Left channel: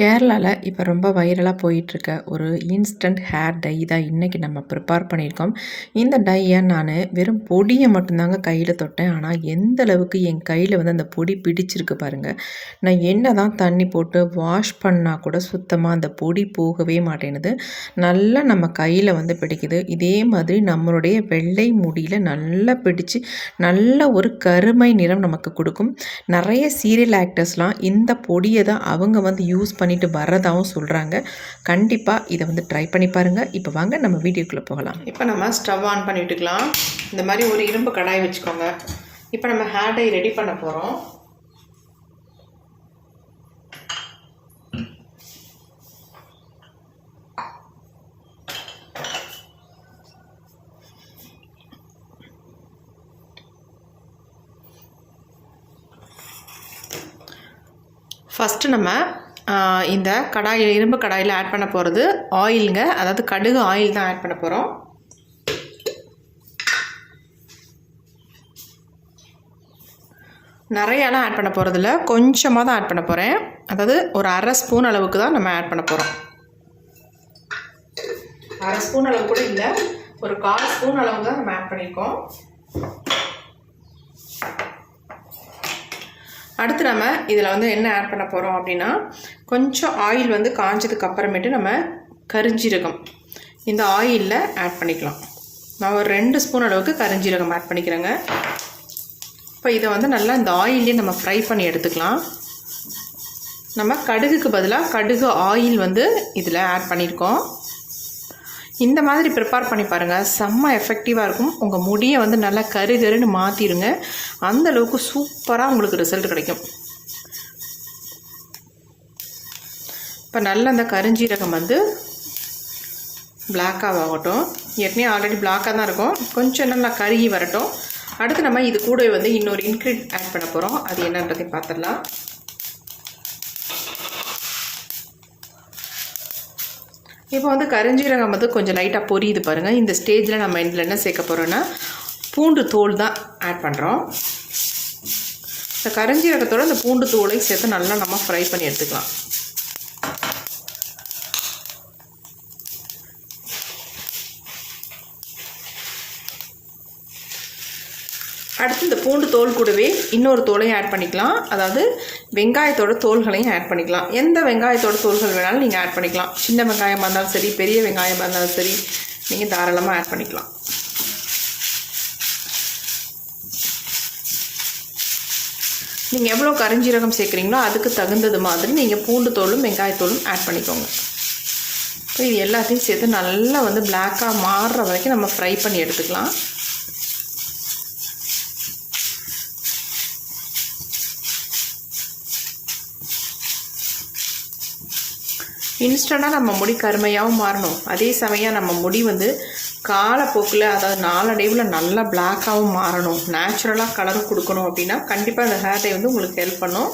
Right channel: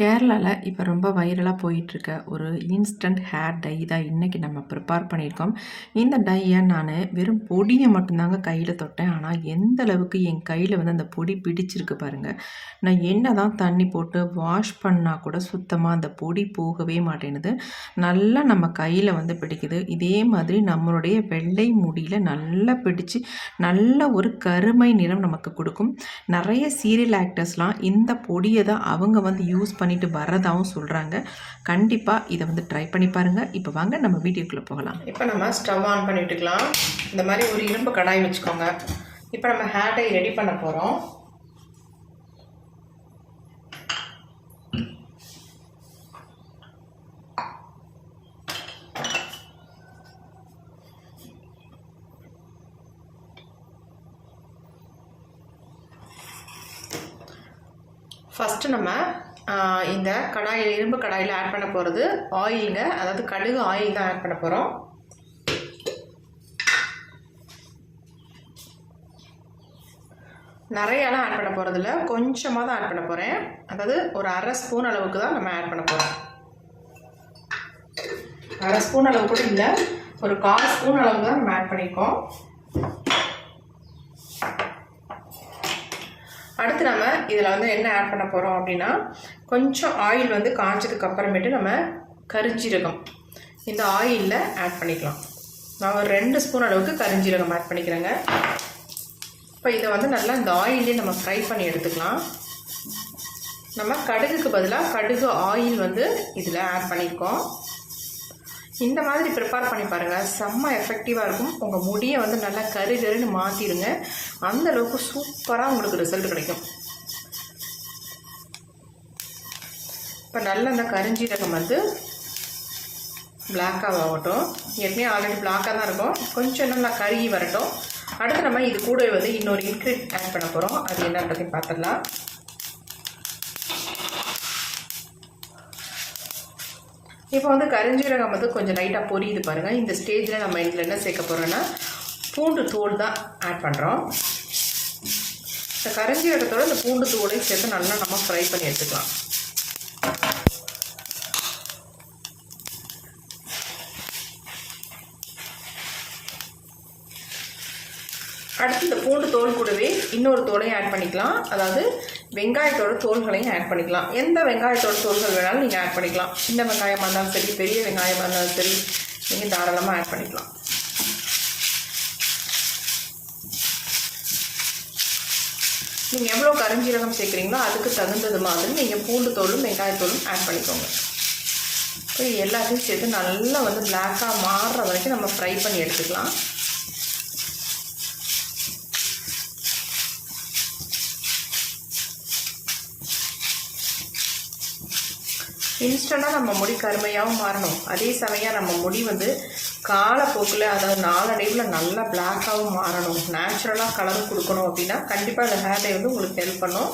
கேரளாவில் இப்போ ரொம்ப வைரலாக போயிட்டுருக்க ஒரு இன்ஸ்டன்ட் ஹேர் டை தான் இன்றைக்கி நம்ம ப்ரிப்பேர் பண்ணியிருக்கோம். இந்த டையை நான் வெறும் பொடியை மட்டும்தாங்க கையில் தொட்டேன். ஆனால் எந்த அளவுக்கு என் கையில் வந்து அந்த பொடி பிடிச்சிருக்கு பாருங்கள். நான் என்ன தான் தண்ணி போட்டு வாஷ் பண்ணால் கூட சுத்தமாக அந்த பொடி போகவே மாட்டேனுது. நல்லா நம்ம கையில் வந்து பிடிக்குது. இதே மாதிரி நம்மளுடைய வெள்ளை முடியில் நல்லா பிடிச்சி நல்ல ஒரு கருமை நிறம் நமக்கு கொடுக்கும். நிறைய சீரியல் ஆக்டர்ஸ்லாம் இந்த பொடியை தான் அவங்க வந்து யூஸ் பண்ணிட்டு வரதாகவும் சொல்கிறாங்க. கண்டிப்பாக இதை வந்து ட்ரை பண்ணி பாருங்கள். இப்போ வாங்க நம்ம வீடியோக்குள்ளே போகலாம். இப்போ நம்ம ஸ்டவ் ஆன் பண்ணிட்டுக்கலாம். இந்த மாதிரி ஒரு இரும்பு கடாய் வச்சுக்கோங்க. இப்போ நம்ம ஹேர் டை ரெடி பண்ண போகிறோம். ஃபஸ்ட்டு நம்ம இந்த கடாயில் இரும்பு கடாயில் ஆட் பண்ண போகிறது ஆயிலுங்க. அதாவது கடுகு ஆயில் தான் ஆட் பண்ண போகிறோம். நிறையாலாம் ஆட் பண்ண போகிறதில்ல, கொஞ்சமாக தான் ஆட் பண்ண போகிறேன். அதாவது ஒரு அரை ஸ்பூன் அளவுக்கு தான் நம்ம ஆட் பண்ண போகிறோம். அரை ஸ்பூன் அளவு கூட இல்லை, ஒரு 1/4 ஸ்பூன் அளவு தான் நம்ம ஆட் பண்ணியிருக்கோம். அடுத்து நம்ம இதில் வந்து என்ன ஆட் பண்ண போகிறோம் அப்படின்னா, கொஞ்சம் ஆயில் வந்து காஞ்சதுக்கு அப்புறமேட்டு நம்ம கரிஞ்சீரகம் இந்த ஆயிலில் ஆட் பண்ணிக்கலாம். நான் ஒரு 2 ஸ்பூன் அளவுக்கு கரிஞ்சீரகம் ஆட் பண்ணிக்கிறேங்க. இப்போ இதை வந்து நல்லா இந்த ஆயிலே நம்ம ஃப்ரை பண்ணி எடுத்துக்கலாம். நம்ம கடுகுக்கு பதிலாக கடுகு ஆயில் வந்து இதில் ஆட் பண்ணியிருக்கோம். இந்த மாதிரி ப்ரிப்பேர் பண்ணி பாருங்கள், செம்ம எஃபெக்டிவாக இருக்கும். உங்கள் முடியை வந்து நல்லா கருகருன்னு மாற்றிடுங்க. அந்தளவுக்கு சூப்பராக உங்களுக்கு ரிசல்ட் கிடைக்கும். இப்போ நல்லா அந்த கரிஞ்சீரகம் வந்து பிளாக்காக ஆகட்டும். ஏற்கனவே ஆல்ரெடி பிளாக்காக தான் இருக்கும், கொஞ்சம் நல்லா கருகி வரட்டும். அடுத்து நம்ம இது கூட வந்து இன்னொரு இன்க்ரீடியன்ட் ஆட் பண்ண போகிறோம். அது என்னன்றதையும் பார்த்துடலாம். இப்போ வந்து கரிஞ்சீரகம் வந்து கொஞ்சம் லைட்டாக பொரியுது பாருங்கள். இந்த ஸ்டேஜில் நம்ம இதில் என்ன சேர்க்க போகிறோன்னா பூண்டு தோல் தான் ஆட் பண்ணுறோம். இந்த கரிஞ்சீரகத்தோடு இந்த பூண்டு தோலையும் சேர்த்து நல்லா நம்ம ஃப்ரை பண்ணி எடுத்துக்கலாம். அடுத்து இந்த பூண்டு தோல் கூடவே இன்னொரு தோலையும் ஆட் பண்ணிக்கலாம். அதாவது வெங்காயத்தோட தோல்களையும் ஆட் பண்ணிக்கலாம். எந்த வெங்காயத்தோட தோல்கள் வேணாலும் நீங்கள் ஆட் பண்ணிக்கலாம். சின்ன வெங்காயமாக இருந்தாலும் சரி, பெரிய வெங்காயமாக இருந்தாலும் சரி, நீங்கள் தாராளமாக ஆட் பண்ணிக்கலாம். நீங்கள் எவ்வளோ கரிஞ்சீரகம் சேர்க்குறீங்களோ அதுக்கு தகுந்தது மாதிரி நீங்கள் பூண்டு தோலும் வெங்காயத்தோலும் ஆட் பண்ணிக்கோங்க. இப்போ இது எல்லாத்தையும் சேர்த்து நல்லா வந்து பிளாக்காக மாறுற வரைக்கும் நம்ம ஃப்ரை பண்ணி எடுத்துக்கலாம். இன்ஸ்டண்ட்டாக நம்ம முடி கருமையாகவும் மாறணும், அதே சமயம் நம்ம முடி வந்து காலப்போக்கில் அதாவது நாளடைவில் நல்லா பிளாக்காகவும் மாறணும், நேச்சுரலாக கலர் கொடுக்கணும் அப்படின்னா கண்டிப்பாக இந்த ஹேர் டை வந்து உங்களுக்கு ஹெல்ப் பண்ணும்.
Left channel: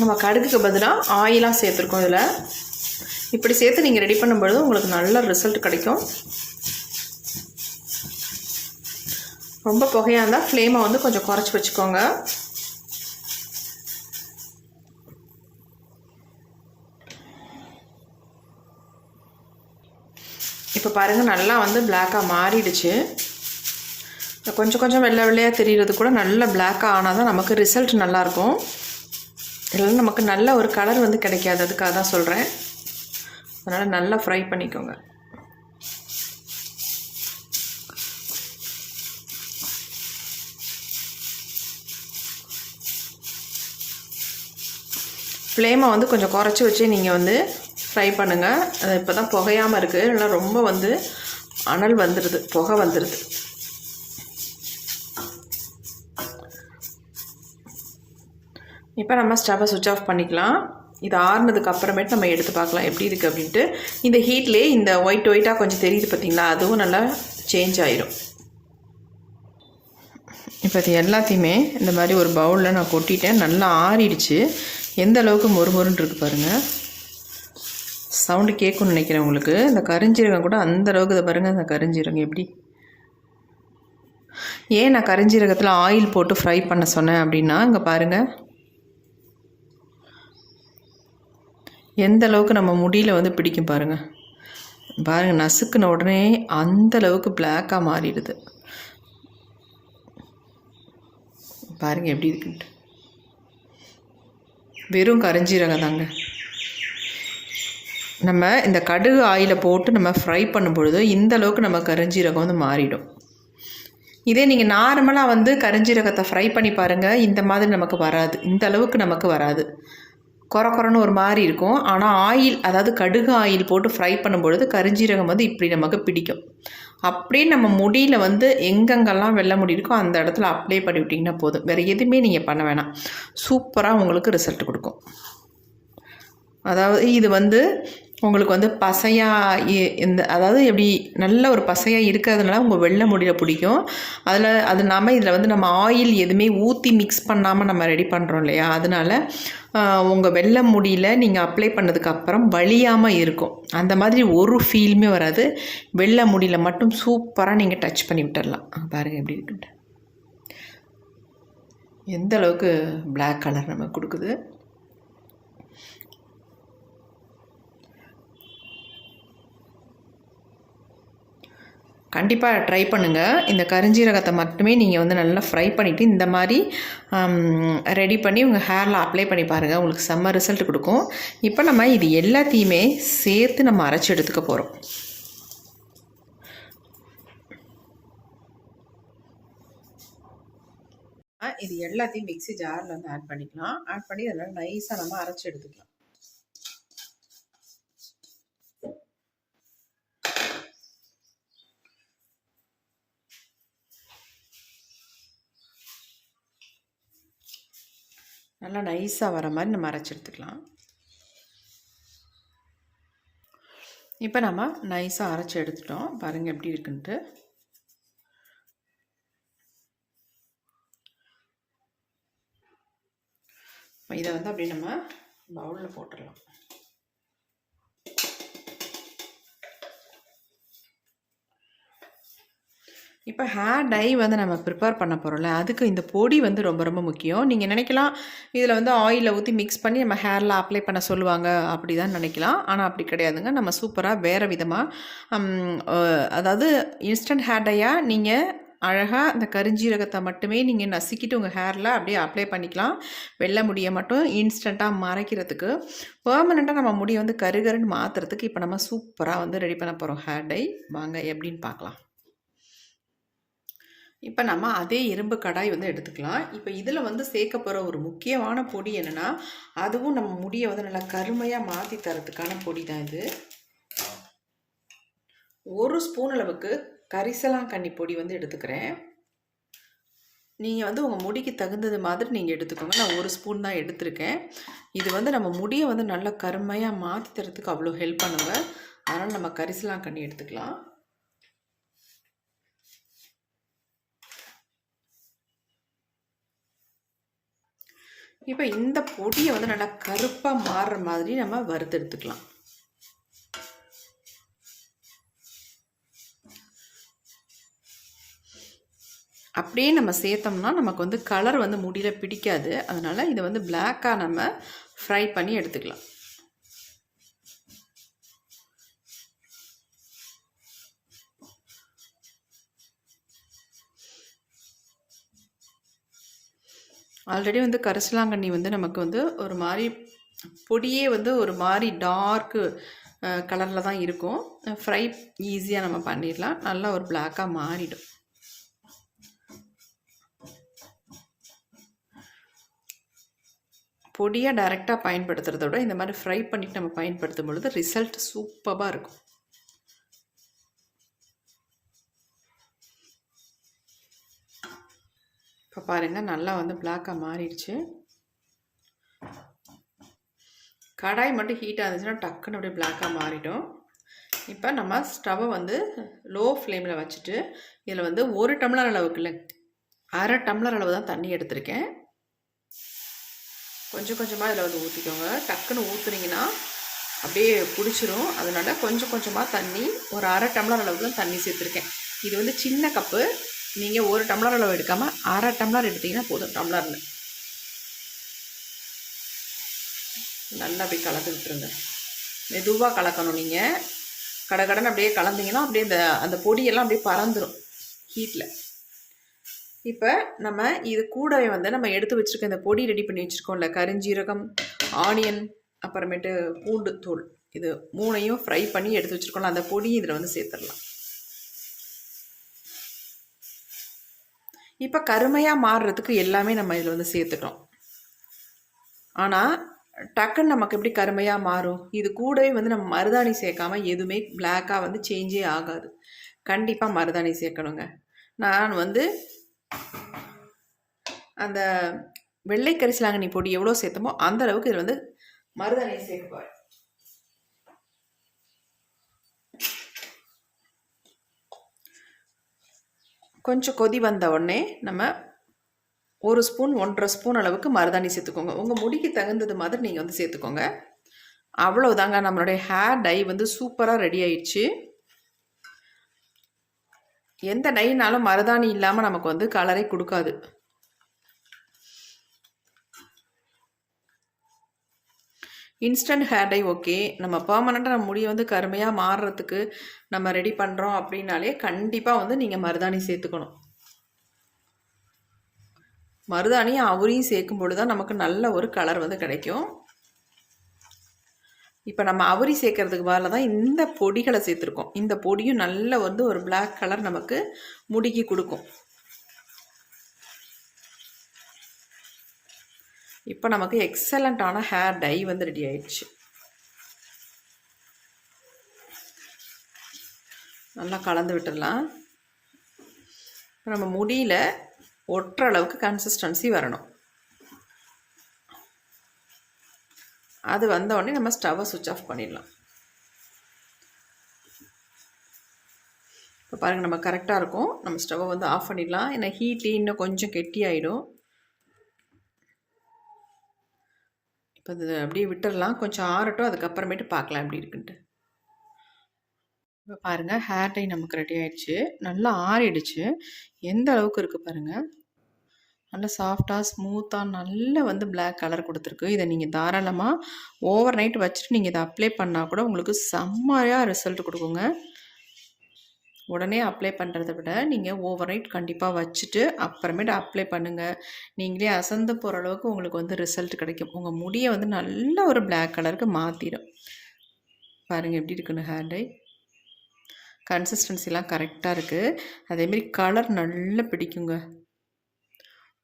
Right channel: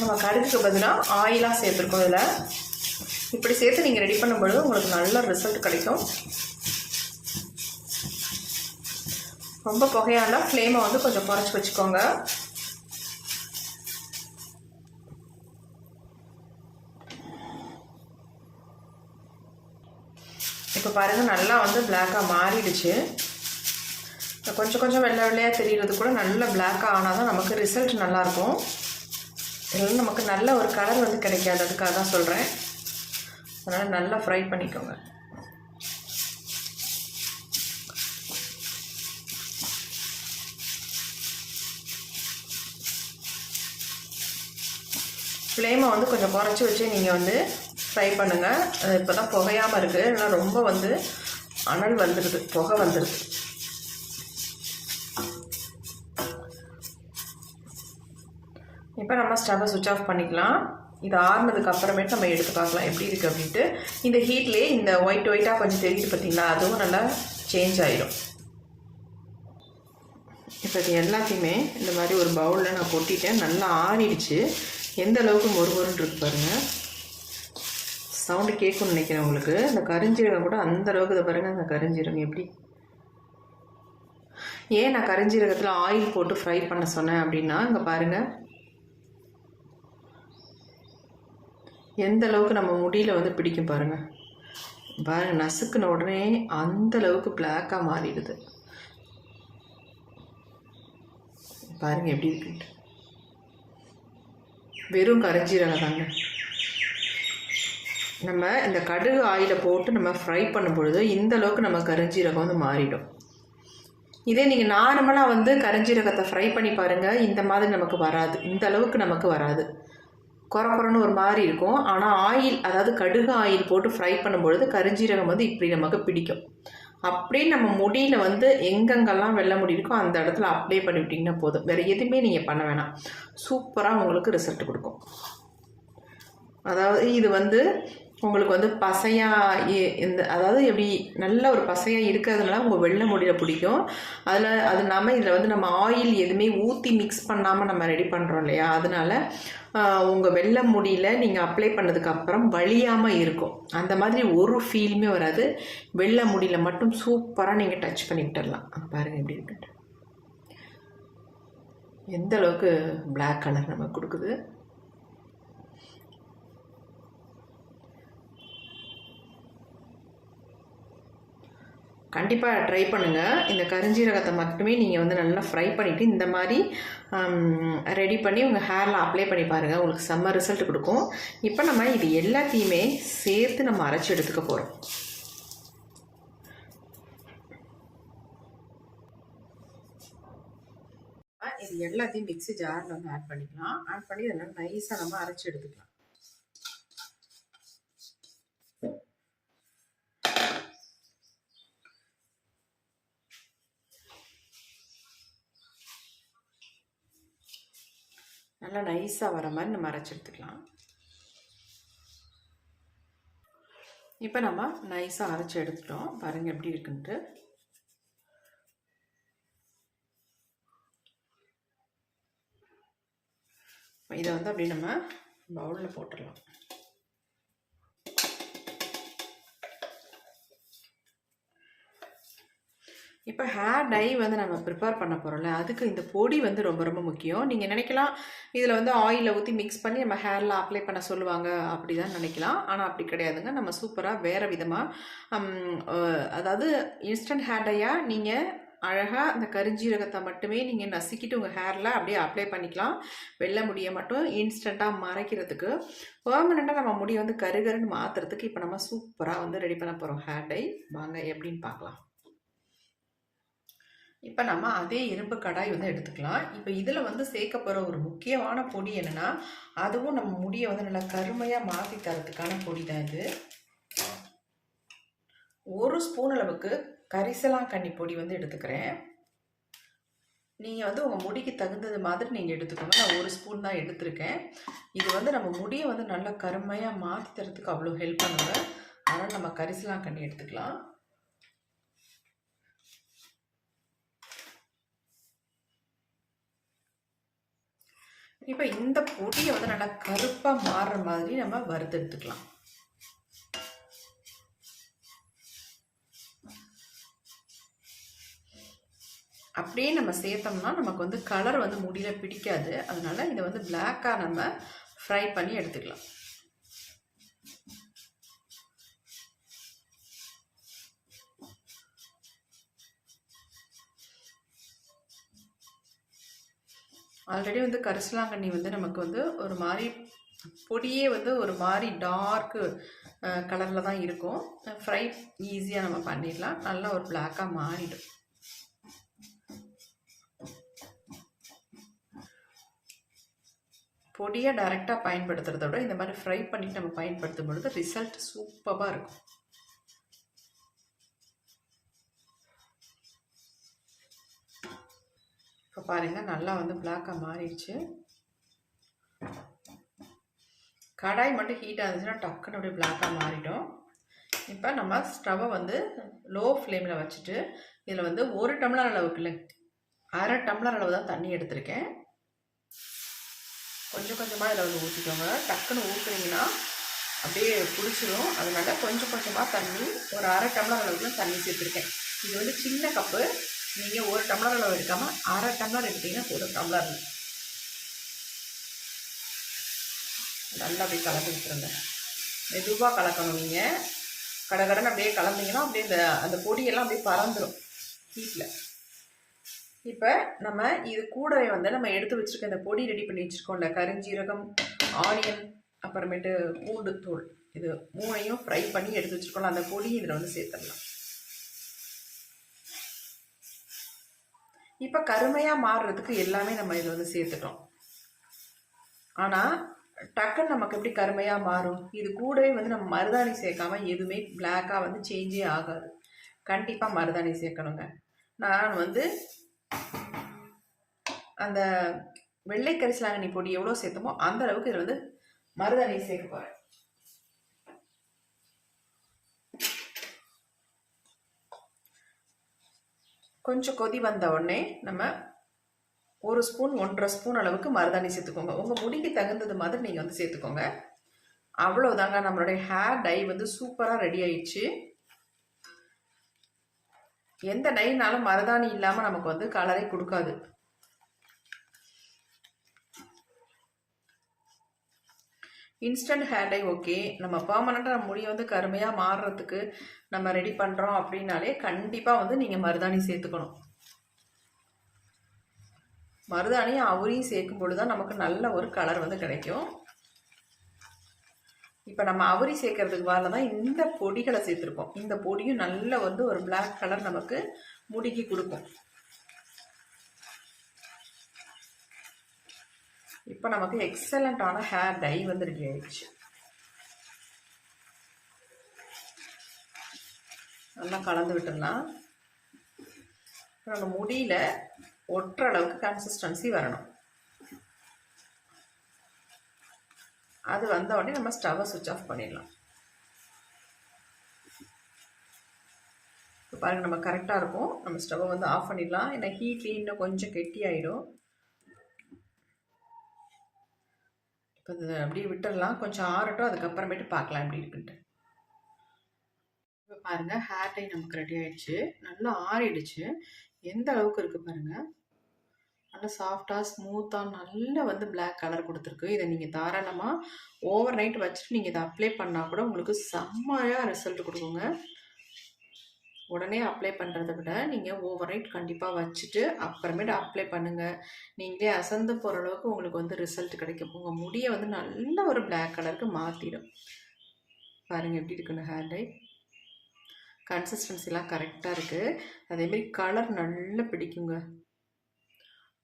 நம்ம கடுகுக்கு பதிலாக ஆயிலாக சேர்த்துருக்கோம். இதில் இப்படி சேர்த்து நீங்கள் ரெடி பண்ணும்பொழுது உங்களுக்கு நல்ல ரிசல்ட் கிடைக்கும். ரொம்ப புகையாக இருந்தால் ஃப்ளேமை வந்து கொஞ்சம் குறைச்சி வச்சுக்கோங்க. இப்போ பாருங்கள், நல்லா வந்து பிளாக்காக மாறிடுச்சு. கொஞ்சம் கொஞ்சம் வெள்ளை வெள்ளையாக தெரிகிறது கூட நல்ல பிளாக்காக ஆனால் தான் நமக்கு ரிசல்ட் நல்லாயிருக்கும். இல்லைன்னா நமக்கு நல்ல ஒரு கலர் வந்து கிடைக்காது. அதுக்காக தான் சொல்கிறேன். அதனால் நல்லா ஃப்ரை பண்ணிக்கோங்க. ஃப்ளேமை வந்து கொஞ்சம் குறைச்சி வச்சு நீங்கள் வந்து ஃப்ரை பண்ணுங்கள். அது இப்போ தான் புகையாமல் இருக்குது, இல்லை ரொம்ப வந்து அனல் வந்துடுது, புகை வந்துடுது. இப்போ நம்ம ஸ்டவ்வை சுவிட்ச் ஆஃப் பண்ணிக்கலாம். இது ஆறுனதுக்கு அப்புறமேட்டு நம்ம எடுத்து பார்க்கலாம் எப்படி இருக்குது அப்படின்ட்டு. இந்த ஹீட்லேயே இந்த ஒயிட்டாக கொஞ்சம் தெரியுது பார்த்திங்களா, அதுவும் நல்லா சேஞ்ச் ஆகிடும். இப்போ இது எல்லாத்தையுமே இந்த மாதிரி ஒரு பவுலில் நான் கொட்டிட்டேன். நல்லா ஆறிடுச்சு. எந்த அளவுக்கு மொறுமொறுன்னு இருக்குது பாருங்கள். சவுண்டு கேட்கும்னு நினைக்கிறேன் உங்களுக்கு. இந்த கரிஞ்சீரகம் கூட அந்த அளவுக்கு இதை பாருங்கள், அந்த கரிஞ்சீரகம் எப்படி. ஏன் நான் கரிஞ்சீரகத்தில் ஆயில் போட்டு ஃப்ரை பண்ண சொன்னேன் அப்படின்னா, இங்கே பாருங்கள் எந்த அளவுக்கு நம்ம முடியில் வந்து பிடிக்கும் பாருங்கள். பாருங்கள், நசுக்குன உடனே அந்த அளவுக்கு பிளாக்காக மாறிடுது. பாருங்கள் எப்படி இருக்குன்ட்டு. வெறும் கரிஞ்சீரகம் தாங்க. நம்ம இந்த கடுகு ஆயிலை போட்டு நம்ம ஃப்ரை பண்ணும் பொழுது இந்த அளவுக்கு நம்ம கரிஞ்சீரகம் வந்து மாறிடும். இதே நீங்கள் நார்மலாக வந்து கரிஞ்சீரகத்தை ஃப்ரை பண்ணி பாருங்கள், இந்த மாதிரி நமக்கு வராது, இந்த அளவுக்கு நமக்கு வராது. குறன்னு ஒரு மாதிரி இருக்கும். ஆனால் ஆயில், அதாவது கடுகு ஆயில் போட்டு ஃப்ரை பண்ணும்பொழுது கரிஞ்சீரகம் வந்து இப்படி நமக்கு பிடிக்கும். அப்படியே நம்ம முடியில் வந்து எங்கெங்கெல்லாம் வெள்ளை முடி இருக்கோ அந்த இடத்துல அப்ளை பண்ணி விட்டிங்கன்னா போதும். வேறு எதுவுமே நீங்கள் பண்ண வேணாம். சூப்பராக உங்களுக்கு ரிசல்ட் கொடுக்கும். அதாவது இது வந்து உங்களுக்கு வந்து பசையாக இந்த, அதாவது எப்படி நல்ல ஒரு பசையாக இருக்கிறதுனால உங்கள் வெள்ளை முடியில் பிடிக்கும். அது இல்லாமல் இதில் வந்து நம்ம ஆயில் எதுவுமே ஊற்றி மிக்ஸ் பண்ணாமல் நம்ம ரெடி பண்ணுறோம் இல்லையா, அதனால் உங்கள் வெள்ளை முடியில் நீங்கள் அப்ளை பண்ணதுக்கப்புறம் வலியாமல் இருக்கும். அந்த மாதிரி ஒரு ஃபீலுமே வராது. வெள்ளை முடியில் மட்டும் சூப்பராக நீங்கள் டச் பண்ணி விட்டுடலாம். பாருங்கள் எப்படி இருக்குன்ட்டு. எந்த அளவுக்கு பிளாக் கலர் நமக்கு கொடுக்குது. கண்டிப்பாக ட்ரை பண்ணுங்கள். இந்த கரிஞ்சீரகத்தை மட்டுமே நீங்கள் வந்து நல்லா ஃப்ரை பண்ணிவிட்டு இந்த மாதிரி ரெடி பண்ணி உங்கள் ஹேரில் அப்ளை பண்ணி பாருங்கள். உங்களுக்கு செம்ம ரிசல்ட் கொடுக்கும். இப்போ நம்ம இது எல்லாத்தையுமே சேர்த்து நம்ம அரைச்சி எடுத்துக்க போகிறோம். இது எல்லாத்தையும் மிக்ஸி ஜாரில் வந்து ஆட் பண்ணிக்கலாம். ஆட் பண்ணி அதனால் நைஸாக நம்ம அரைச்சி எடுத்துக்கலாம். நல்லா நைஸாக வர மாதிரி நம்ம அரைச்சி எடுத்துக்கலாம். இப்போ நம்ம நைஸாக அரைச்சி எடுத்துட்டோம். பாருங்கள் எப்படி இருக்குன்ட்டு. இதை வந்து அப்படி நம்ம பவுலில் போட்டுடலாம். இப்போ ஹேர் டை வந்து நம்ம ப்ரிப்பேர் பண்ண போகிறோம்ல, அதுக்கு இந்த பொடி வந்து ரொம்ப ரொம்ப முக்கியம். நீங்கள் நினைக்கலாம் இதில் வந்து ஆயிலில் ஊற்றி மிக்ஸ் பண்ணி நம்ம ஹேரில் அப்ளை பண்ண சொல்லுவாங்க அப்படி தான் நினைக்கலாம். ஆனால் அப்படி கிடையாதுங்க. நம்ம சூப்பராக வேறு விதமாக, அதாவது இன்ஸ்டன்ட் ஹேர் டையாக நீங்கள் அழகாக அந்த கரிஞ்சீரகத்தை மட்டுமே நீங்கள் நசுக்கிட்டு உங்கள் ஹேரில் அப்படியே அப்ளை பண்ணிக்கலாம். வெள்ளை முடியை மட்டும் இன்ஸ்டண்ட்டாக மறைக்கிறதுக்கு, பெர்மனெண்ட்டாக நம்ம முடியை வந்து கருகருன்னு மாற்றுறதுக்கு இப்போ நம்ம சூப்பராக வந்து ரெடி பண்ண போகிறோம் ஹேர் டை. வாங்க எப்படின்னு பார்க்கலாம். இப்போ நம்ம அதே இரும்பு கடாய் வந்து எடுத்துக்கலாம். இப்போ இதில் வந்து சேர்க்க போகிற ஒரு முக்கியமான பொடி என்னென்னா, அதுவும் நம்ம முடியை வந்து நல்லா கருமையாக மாற்றி தரத்துக்கான பொடி தான் இது. 1 ஸ்பூன் அளவுக்கு கரிசலாங்கண்ணி பொடி வந்து எடுத்துக்கிறேன். நீங்கள் வந்து உங்கள் முடிக்கு தகுந்தது மாதிரி நீங்கள் எடுத்துக்கோங்க. நான் 1 ஸ்பூன் தான் எடுத்திருக்கேன். இது வந்து நம்ம முடியை வந்து நல்லா கருமையாக மாற்றி தரத்துக்கு அவ்வளோ ஹெல்ப் பண்ணுங்க. அதனால் நம்ம கரிசலாங்கண்ணி எடுத்துக்கலாம். இப்போ இந்த பொடியை வந்து நல்லா கருப்பாக மாறுற மாதிரி நம்ம வறுத்து எடுத்துக்கலாம். அப்படியே நம்ம சேர்த்தோம்னா நமக்கு வந்து கலர் வந்து முடியில் பிடிக்காது. அதனால் இதை வந்து பிளாக்காக நம்ம ஃப்ரை பண்ணி எடுத்துக்கலாம். ஆல்ரெடி வந்து கரிசலாங்கண்ணி வந்து நமக்கு வந்து ஒரு மாதிரி பொடியே வந்து ஒரு மாதிரி டார்க்கு கலரில் தான் இருக்கும். ஃப்ரை ஈஸியாக நம்ம பண்ணிடலாம். நல்லா ஒரு பிளாக்காக மாறிடும். பொடியை டைரெக்டாக பயன்படுத்துகிறத விட இந்த மாதிரி ஃப்ரை பண்ணிவிட்டு நம்ம பயன்படுத்தும் பொழுது ரிசல்ட் சூப்பராக இருக்கும். இப்போ பாருங்கள் நல்லா வந்து பிளாக்காக மாறிடுச்சு. கடாய் மட்டும் ஹீட்டாக இருந்துச்சுன்னா டக்குன்னு அப்படியே பிளாக்காக மாறிடும். இப்போ நம்ம ஸ்டவ்வை வந்து லோ ஃப்ளேமில் வச்சுட்டு இதில் வந்து 1 டம்ளர் அளவுக்கு இல்லை, 1/2 டம்ளர் அளவு தான் தண்ணி எடுத்திருக்கேன். கொஞ்சம் கொஞ்சமாக இதில் வந்து ஊற்றிக்கோங்க. டக்குன்னு ஊற்றுனீங்கன்னா அப்படியே பிடிச்சிரும். அதனால கொஞ்சம் கொஞ்சமாக தண்ணி, ஒரு 1/2 டம்ளர் அளவுக்கு தண்ணி சேர்த்துருக்கேன். இது வந்து சின்ன கப்பு. நீங்கள் 1 டம்ளர் அளவு எடுக்காமல் 1/2 டம்ளர் எடுத்தீங்கன்னா போதும் டம்ளரில். நல்லா அப்படியே கலந்து விட்டுருங்க. மெதுவாக கலக்கணும். நீங்கள் கடகடன்னு அப்படியே கலந்தீங்கன்னா அப்படியே அந்த பொடியெல்லாம் அப்படியே பறந்துடும் ஹீட்டில். இப்போ நம்ம இது கூடவே வந்து நம்ம எடுத்து வச்சுருக்க இந்த பொடி ரெடி பண்ணி வச்சுருக்கோம்ல, கருஞ்சீரகம், ஆனியன், அப்புறமேட்டு பூண்டுத்தூள், இது 3ஐயும் ஃப்ரை பண்ணி எடுத்து வச்சுருக்கோம்ல, அந்த பொடி இதில் வந்து சேர்த்துடலாம். இப்போ கருமையாக மாறுறதுக்கு எல்லாமே நம்ம இதில் வந்து சேர்த்துட்டோம். ஆனால் டக்குன்னு நமக்கு எப்படி கருமையாக மாறும்? இது கூடவே வந்து நம்ம மருதாணி சேர்க்காம எதுவுமே பிளாக்காக வந்து சேஞ்சே ஆகாது. கண்டிப்பாக மருதாணி சேர்க்கணுங்க. நான் வந்து அந்த வெள்ளை கரிசலாங்கண்ணி பொடி எவ்வளோ சேர்த்தமோ அந்த அளவுக்கு இதில் வந்து மருதாணி சேர்க்க. கொஞ்சம் கொதி வந்த உடனே நம்ம 1 ஸ்பூன் 1.5 ஸ்பூன் அளவுக்கு மருதாணி சேர்த்துக்கோங்க. உங்கள் முடிக்கு தகுந்தது மாதிரி நீங்கள் வந்து சேர்த்துக்கோங்க. அவ்வளோதாங்க, நம்மளுடைய ஹேர் டை வந்து சூப்பராக ரெடி ஆயிடுச்சு. எந்த டைனாலும் மருதாணி இல்லாமல் நமக்கு வந்து கலரை கொடுக்காது. Instant hair dye okay. நம்ம பர்மனெண்ட்டாக நம்ம முடியை வந்து கருமையாக மாறுறதுக்கு நம்ம ரெடி பண்ணுறோம் அப்படின்னாலே கண்டிப்பாக வந்து நீங்கள் மருதாணி சேர்த்துக்கணும். மருதாணியும் அவரையும் சேர்க்கும் பொழுது தான் நமக்கு நல்ல ஒரு கலர் வந்து கிடைக்கும். இப்போ நம்ம அவரி சேர்க்கறதுக்கு பதிலாக தான் இந்த பொடிகளை சேர்த்துருக்கோம். இந்த பொடியும் நல்ல வந்து ஒரு பிளாக் கலர் நமக்கு முடிக்கு கொடுக்கும். இப்போ நமக்கு எக்ஸலண்ட்டான ஹேர் டை வந்து ரெடி ஆயிடுச்சு. நல்லா கலந்து விட்டுடலாம். நம்ம முடியில் ஒட்டுற அளவுக்கு கன்சிஸ்டன்சி வரணும். அது வந்த உடனே நம்ம ஸ்டவ்வை சுவிட்ச் ஆஃப் பண்ணிடலாம். இப்போ பாருங்கள், நம்ம கரெக்டாக இருக்கும். நம்ம ஸ்டவ்வை வந்து ஆஃப் பண்ணிடலாம். ஏன்னா ஹீட்லேயே இன்னும் கொஞ்சம் கெட்டி ஆகிடும். இப்போ இது அப்படியே விட்டுடலாம், கொஞ்சம் ஆறட்டும். அதுக்கப்புறமேட்டு பார்க்கலாம் எப்படி இருக்குன்ட்டு. இப்போ பாருங்கள், ஹேர் டை நமக்கு ரெடி ஆகிடுச்சு. நல்லா ஆறிடுச்சு. எந்த அளவுக்கு இருக்குது பாருங்கள். நல்லா சாஃப்டாக ஸ்மூத்தாக நல்ல வந்து பிளாக் கலர் கொடுத்துருக்கு. இதை நீங்கள் தாராளமாக ஓவர் நைட் வச்சுட்டு நீங்கள் இதை அப்ளை பண்ணால் கூட உங்களுக்கு செம்மையாக ரிசல்ட் கொடுக்குங்க. உடனே அப்ளை பண்ணுறத விட நீங்கள் ஓவர் நைட் கண்டிப்பாக வச்சுட்டு அப்புறமேட்டு அப்ளை பண்ணுங்கள். நீங்களே அசந்து போகிற அளவுக்கு உங்களுக்கு வந்து ரிசல்ட் கிடைக்கும். உங்கள் முடியை வந்து நல்ல ஒரு பிளாக் கலருக்கு மாற்றிடும். பாருங்கள் எப்படி இருக்குன்னு ஹேர் டை. கன்சிஸ்டன்சிலாம் கரெக்டாக இருக்குது. அதேமாரி கலர் நல்லா பிடிக்குங்க.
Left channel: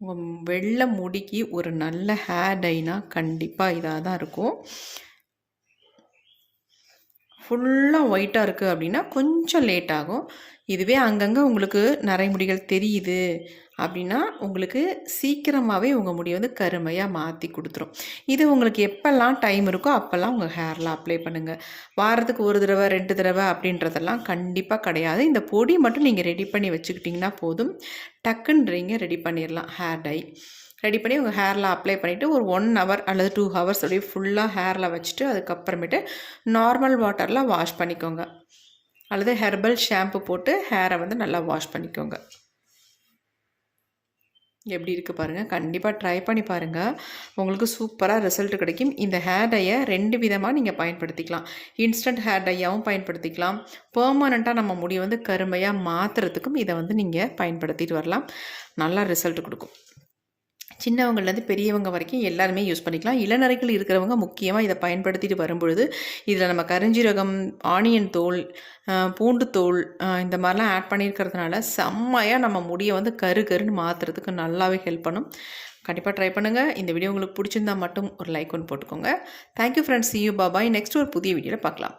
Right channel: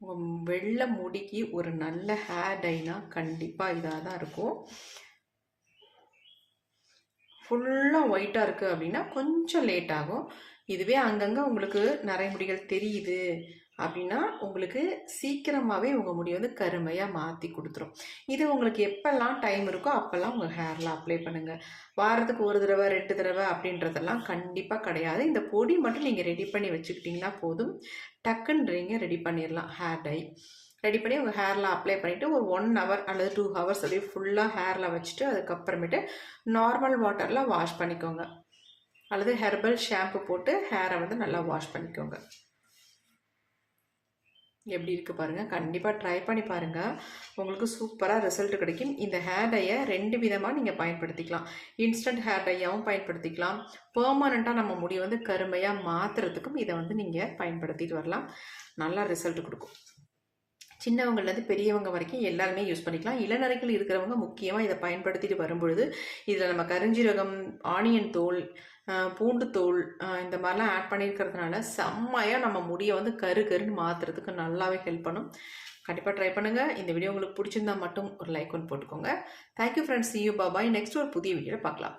உங்கள் வெள்ளை முடிக்கு ஒரு நல்ல ஹேர் டைனா கண்டிப்பாக இதாக தான் இருக்கும். ஃபுல்லாக ஒயிட்டாக இருக்குது அப்படின்னா கொஞ்சம் லேட் ஆகும். இதுவே அங்கங்கே உங்களுக்கு நிறைய முடிகள் தெரியுது அப்படின்னா உங்களுக்கு சீக்கிரமாகவே உங்கள் முடி வந்து கருமையாக மாற்றி கொடுத்துரும். இது உங்களுக்கு எப்போல்லாம் டைம் இருக்கோ அப்போல்லாம் உங்கள் ஹேரில் அப்ளை பண்ணுங்கள். வாரத்துக்கு 1 தடவை 2 தடவை அப்படின்றதெல்லாம் கண்டிப்பாக கிடையாது. இந்த பொடி மட்டும் நீங்கள் ரெடி பண்ணி வச்சுக்கிட்டிங்கன்னா போதும். டக்குன்றீங்க ரெடி பண்ணிடலாம். ஹேர் டை ரெடி பண்ணி உங்கள் ஹேரில் அப்ளை பண்ணிவிட்டு ஒரு 1 ஹவர் அல்லது 2 ஹவர்ஸ் அப்படியே ஃபுல்லாக ஹேரில் வச்சுட்டு அதுக்கப்புறமேட்டு நார்மல் வாட்டரில் வாஷ் பண்ணிக்கோங்க. அல்லது ஹெர்பல் ஷாம்பு போட்டு ஹேரை வந்து நல்லா வாஷ் பண்ணிக்கோங்க. எப்படி இருக்குது பாருங்கள். கண்டிப்பாக ட்ரை பண்ணி பாருங்கள். உங்களுக்கு சூப்பராக ரிசல்ட் கிடைக்கும். இந்த ஹேர் டையை 2 விதமாக நீங்கள் பயன்படுத்திக்கலாம். இன்ஸ்டன்ட் ஹேர் டையாகவும் பயன்படுத்திக்கலாம். பெர்மனண்ட்டாக நம்ம முடியை வந்து கருமையாக மாற்றுறதுக்கும் இதை வந்து நீங்கள் பயன்படுத்திட்டு வரலாம். நல்லா ரிசல்ட் கொடுக்கும். சின்னவங்கள்லேருந்து பெரியவங்க வரைக்கும் எல்லாருமே யூஸ் பண்ணிக்கலாம். இளநரைகள் இருக்கிறவங்க முக்கியமாக இதை பயன்படுத்திட்டு வரும்பொழுது இதில் நம்ம கருஞ்சீரகம், ஆனியன் தோல், பூண்டு தோல் இந்த மாதிரிலாம் ஆட் பண்ணியிருக்கிறதுனால செம்மையாக நம்ம முடியை வந்து கருன்னு மாற்றுறதுக்கு நல்லாவே ஹெல்ப் பண்ணும். கண்டிப்பாக ட்ரை பண்ணுங்கள். இந்த வீடியோ உங்களுக்கு பிடிச்சிருந்தா மட்டும் ஒரு லைக் ஒன்று போட்டுக்கோங்க. Thank you friends. see you. bye bye. Next ஒரு புதிய வீடியோவில் பார்க்கலாம்.